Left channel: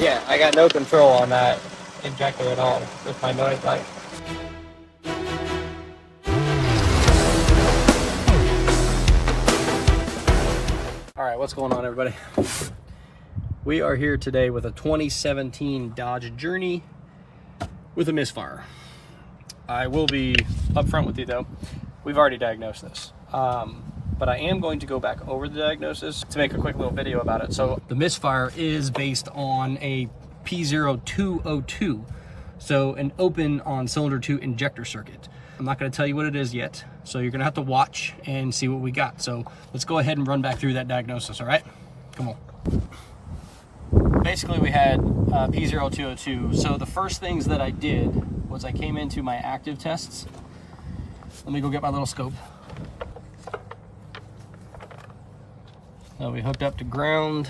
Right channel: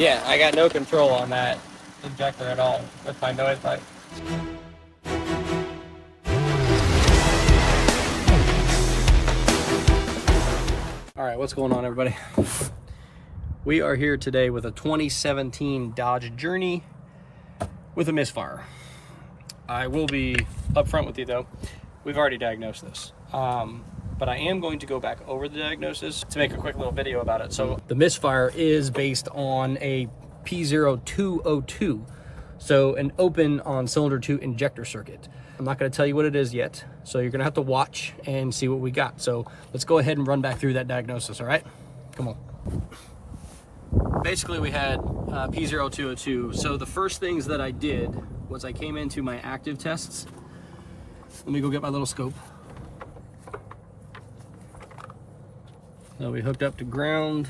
Yeah, I got no control on that injector at all with my noise light. All right, what's going on, everybody? We are here today with a 2017 Dodge Journey with a misfire. I will be upfront with you though, we've already diagnosed this. But I am going to go back over the diagnosis to make a quick little video about it. So the misfire is based on a P0202, so an open on cylinder 2 injector circuit. I'm not going to tell you what it is yet, so you're going to have to watch and see what we got. So let's go ahead and run back through that diagnosis, all right? Come on. Basically, we had P0202. So the first things that I did was I came into my active tests. Let me go get my little scope. So we hooked up to ground.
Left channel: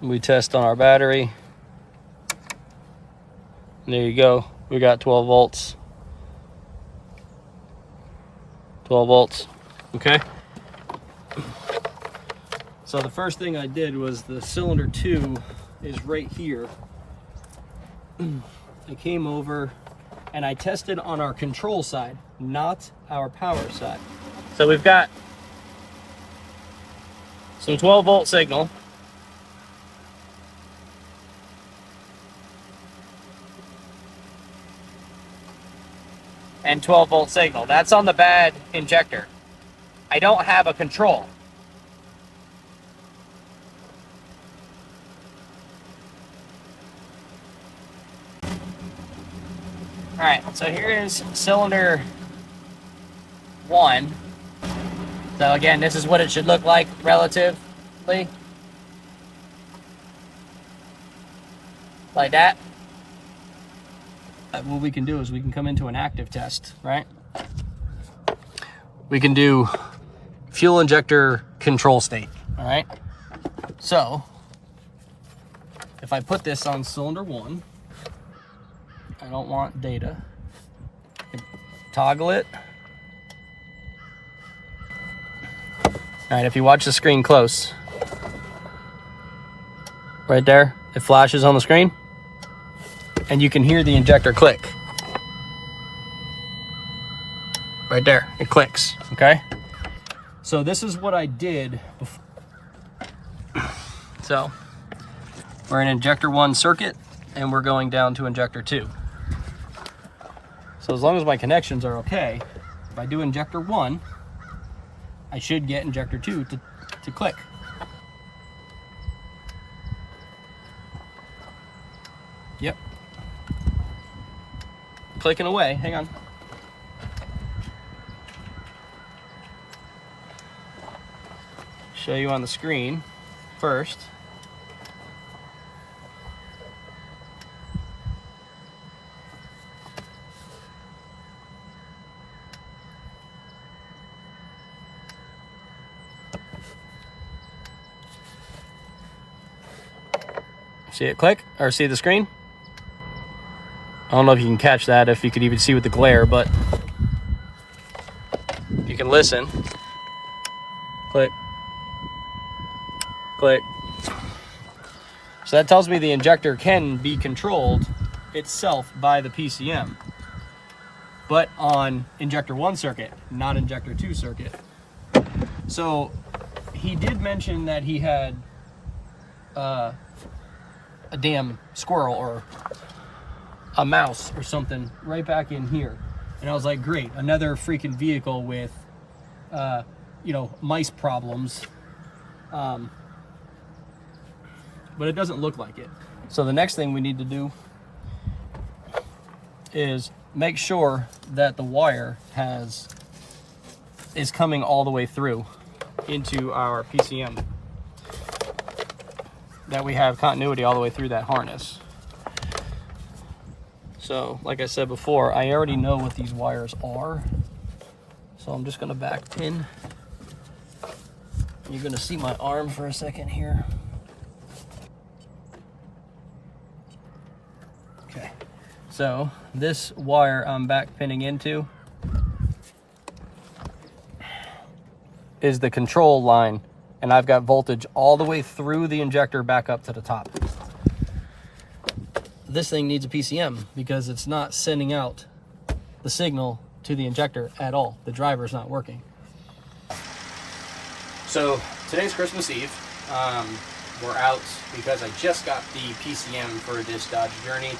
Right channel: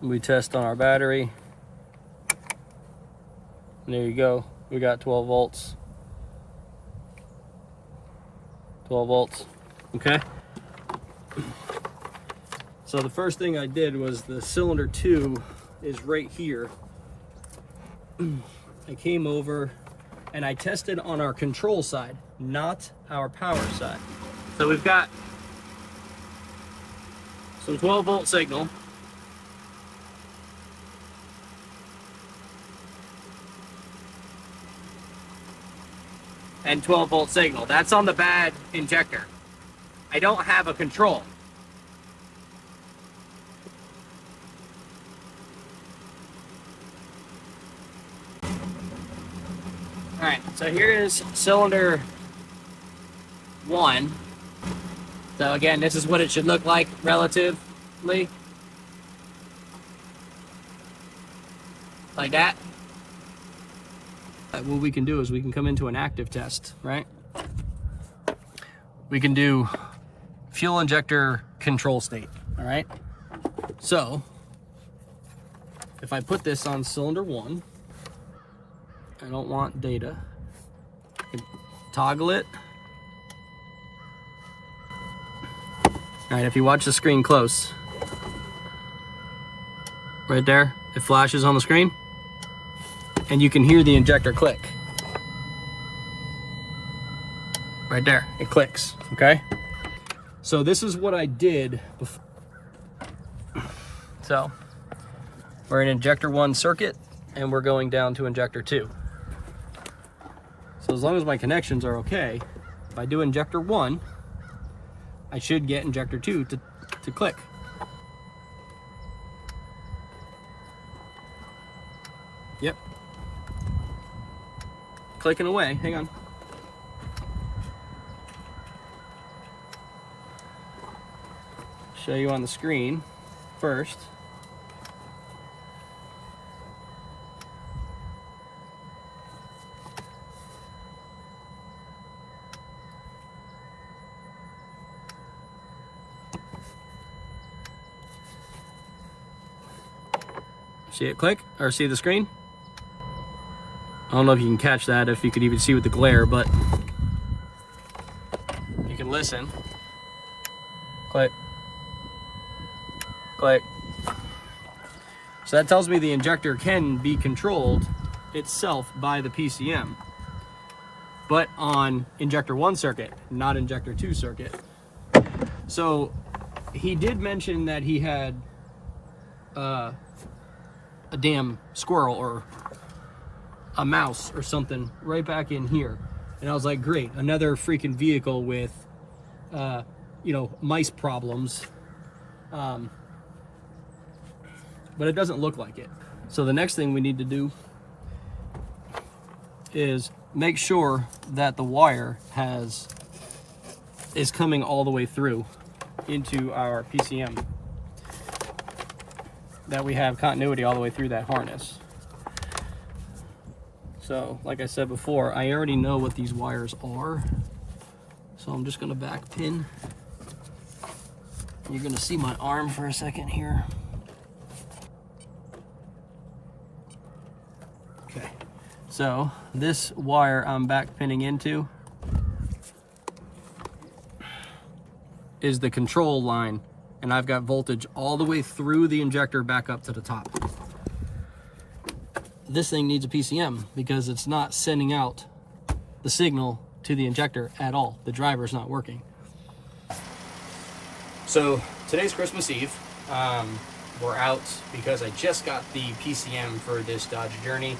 We test on our battery. There you go. We got 12 volts. 12 volts. Okay. So the first thing I did was the cylinder 2 is right here. I came over and I tested on our control side, not our power side. So we've got some 12 volt signal. And 12 volt signal. That's on the bad injector. I don't have a control. All right, so here is cylinder 1. So again, this is what it should look like relatively. Like that. What we can do is we can come into an active test, right? We can do fuel injector control state, all right? So, if I put this on cylinder 1, I don't want data. Toggle it. All right, if you watch the screen close, right there, it flashes on the screen, and you can hear the injector click. Right there, it clicks, okay? So this is what I did before. So, we're in injector 1 circuit, and we're going down to injector 2. So as long as my connections are okay, if I do injector 1, I should get injector 2 to click. Yep. Clicking away, hang on. Show you on the screen first. See it click, or see the screen? I don't know if you can catch that, if you could even see with the glare, but you can listen. Click. Click. So that tells me the injector can be controlled itself by the PCM, but on injector 1 circuit, not injector 2 circuit. So he did mention that he had a damn squirrel or a mouse or something right back in here. And I was like, great, another freaking vehicle with, you know, mice problems. But it doesn't look like it. So the next thing we need to do is make sure that the wire is coming all the way through into our PCM, that we have continuity all the way through that harness. So like I said before, I already know what these wires are, so I'm just going to back pin. You're going to see my arm for a second here. Okay, so this wire I'm back pinning into is the control line, and I've got voltage all the way through the injector back up to the top. This thing needs a PCM because it's not sending out the signal to the injector at all. The driver's not working. So today's Christmas Eve. We're out because I just got the PCM for this Dodge Journey.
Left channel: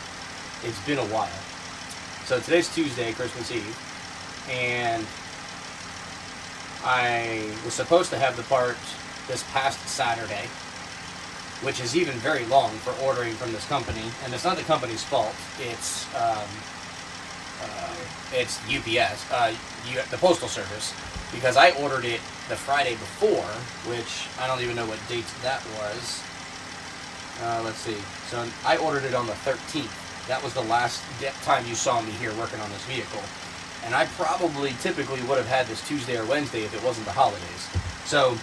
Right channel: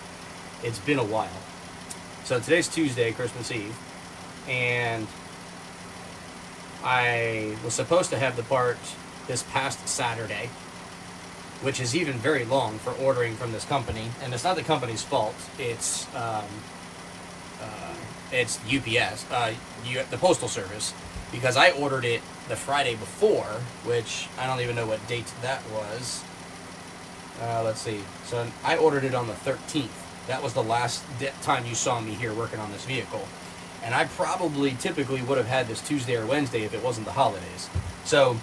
It's been a while. So today's Tuesday, Christmas Eve, and I was supposed to have the part this past Saturday, which is even very long for ordering from this company, and it's not the company's fault. It's UPS, the Postal Service, because I ordered it the Friday before, which I don't even know what date that was. Let's see. So I ordered it on the 13th. That was the last time you saw me here working on this vehicle. And I probably typically would have had this Tuesday or Wednesday if it wasn't the holidays. So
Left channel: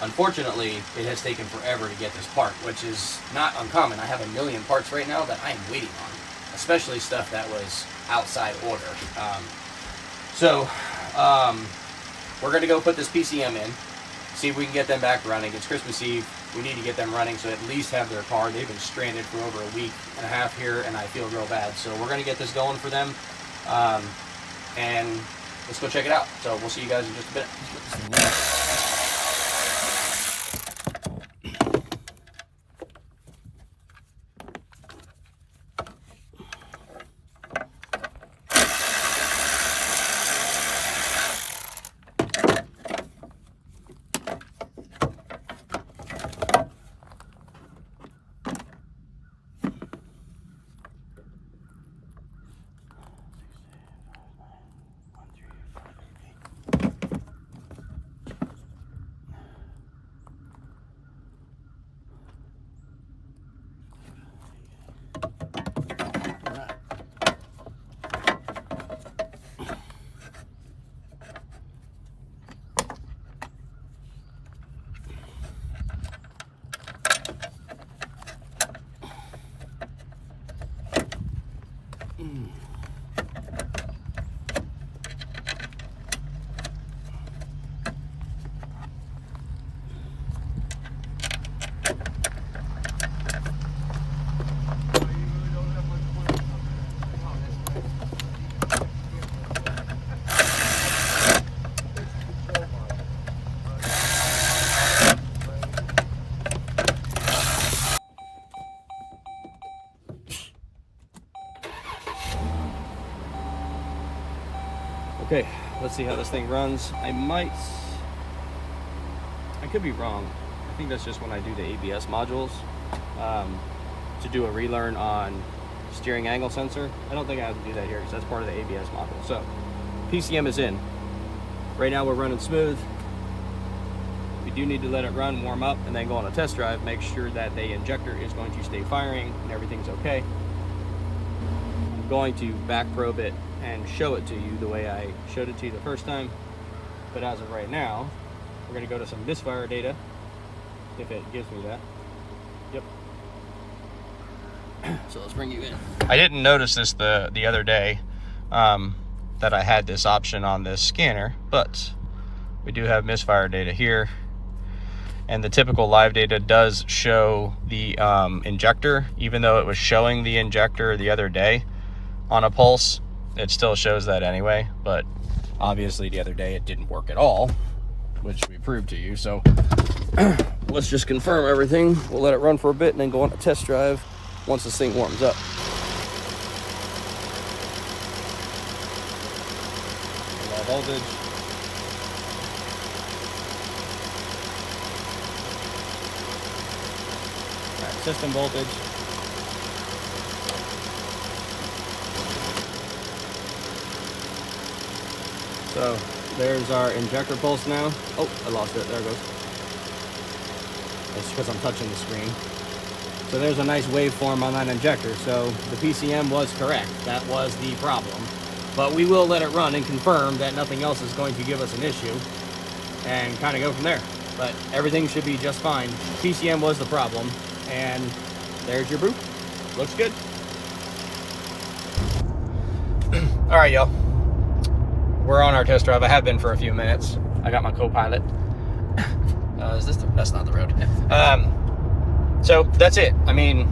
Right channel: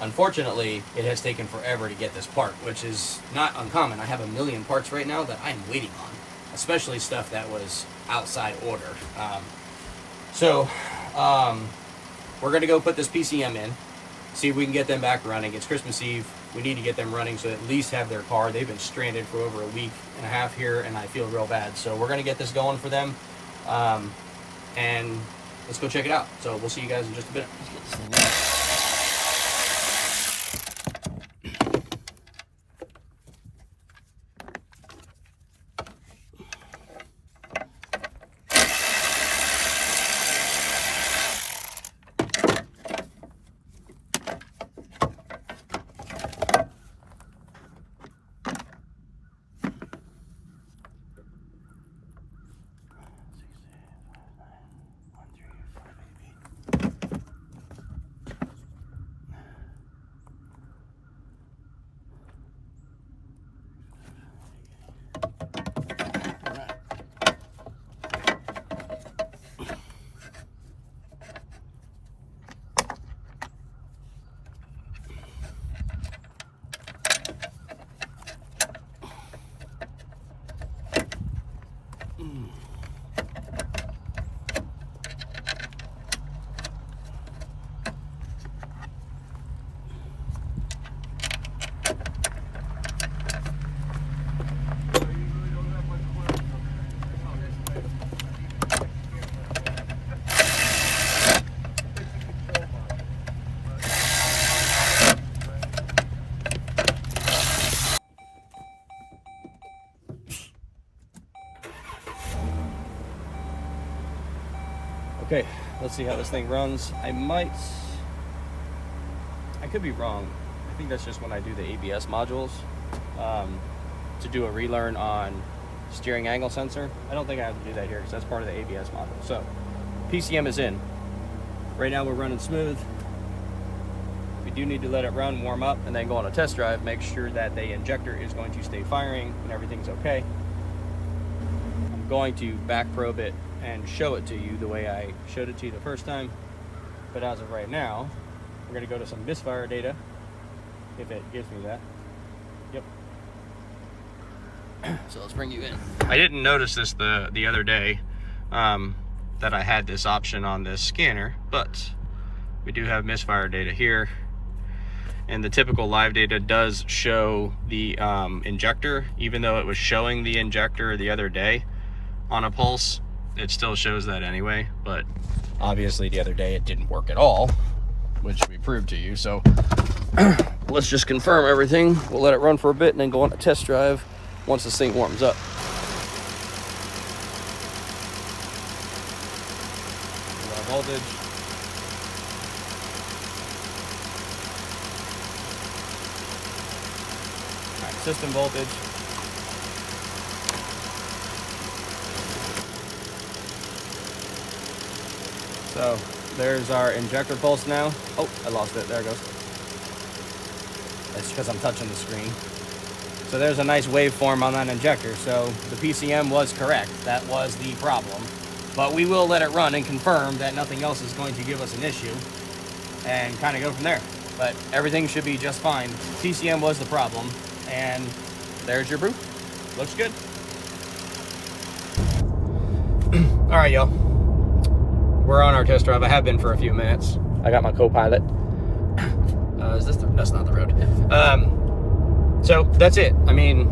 unfortunately, it has taken forever to get this part, which is not uncommon. I have a million parts right now that I am waiting on, especially stuff that was outside order. We're going to go put this PCM in, see if we can get them back running. It's Christmas Eve. We need to get them running so at least have their car. They've been stranded for over a week and a half here, and I feel real bad. So we're going to get this going for them, and let's go check it out. So we'll see you guys in just a bit. Let's let this thing run. Okay, let's see how this thing runs. I could be wrong. I think that's just when I do the ABS modules to do a relearn on steering angle sensor. I don't think I have to do that here because that's part of the ABS module. So PCM is in. Right now we're running smooth. We do need to let it run, warm up, and then go on a test drive, make sure that the injector is going to stay firing and everything's okay. I'm going to back probe it and show it to you the way I showed it to you the first time. But as of right now, we're gonna go to some Misfire data, if it gives me that. Yep. So let's bring you in. I didn't notice this the other day, that I had this option on this scanner, but we do have Misfire data here. And the typical live data does show the injector, even though it was showing the injector the other day on a pulse. It still shows that anyway, but obviously the other day it didn't work at all, which we proved to you. So let's just confirm everything. We'll let it run for a bit and then go on a test drive once this thing warms up. Low voltage. All right, system voltage. So there's our injector pulse now. Oh, I lost it. There it goes. It's because I'm touching the screen. So there's a nice waveform on that injector. So the PCM was correct. That was the problem. But we will let it run and confirm that nothing else is going to give us an issue and kind of go from there. But everything should be just fine. PCM was the problem. And there's your proof. Looks good. All right, y'all. We're on our test drive. I have been for a few minutes. I got my co-pilot. Is this that's not the road. So that's it. I mean,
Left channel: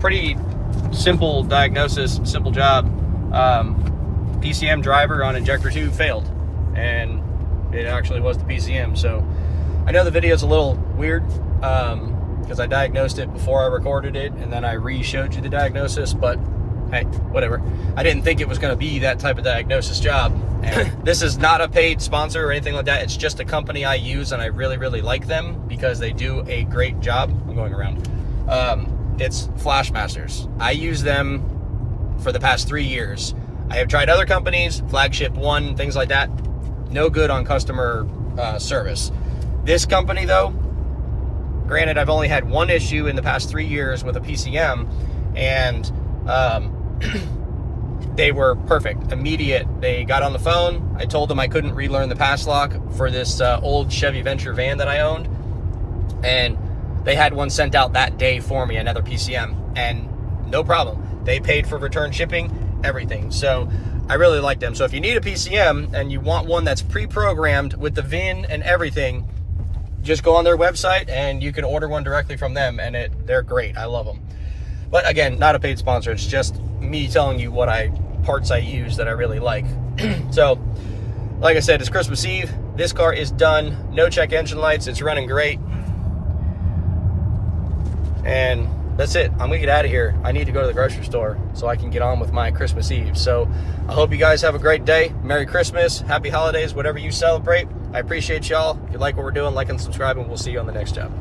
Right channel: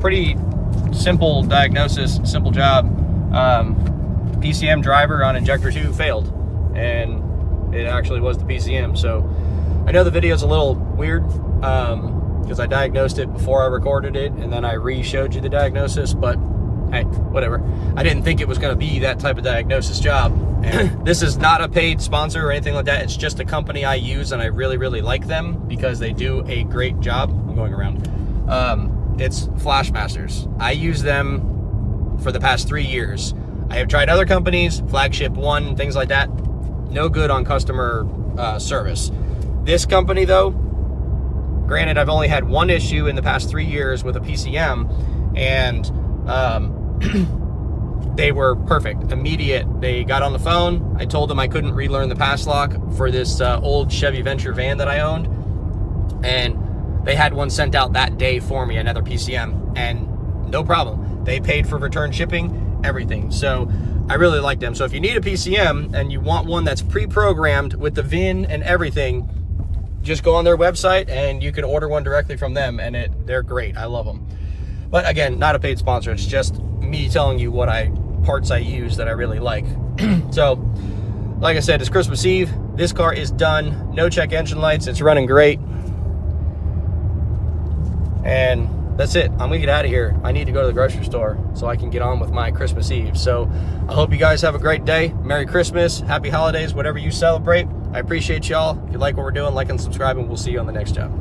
pretty simple diagnosis, simple job. PCM driver on injector 2 failed, and it actually was the PCM. So I know the video is a little weird because I diagnosed it before I recorded it, and then I re-showed you the diagnosis, but hey, whatever. I didn't think it was going to be that type of diagnosis job. And this is not a paid sponsor or anything like that. It's just a company I use, and I really, really like them because they do a great job. I'm going around. It's Flashmasters. I use them for the past 3 years. I have tried other companies, Flagship One, things like that. No good on customer service. This company, though, granted, I've only had one issue in the past 3 years with a PCM, and they were perfect, immediate. They got on the phone. I told them I couldn't relearn the pass lock for this old Chevy Venture van that I owned, and they had one sent out that day for me, another PCM, and no problem. They paid for return shipping, everything. So I really like them. So if you need a PCM and you want one that's pre-programmed with the VIN and everything, just go on their website and you can order one directly from them, and they're great. I love them. But again, not a paid sponsor. It's just me telling you what parts I use that I really like. So, like I said, it's Christmas Eve. This car is done. No check engine lights. It's running great. And that's it. I'm gonna get out of here. I need to go to the grocery store so I can get on with my Christmas Eve. So I hope you guys have a great day. Merry Christmas, happy holidays, whatever you celebrate. I appreciate y'all. If you like what we're doing, like and subscribe, and we'll see you on the next job.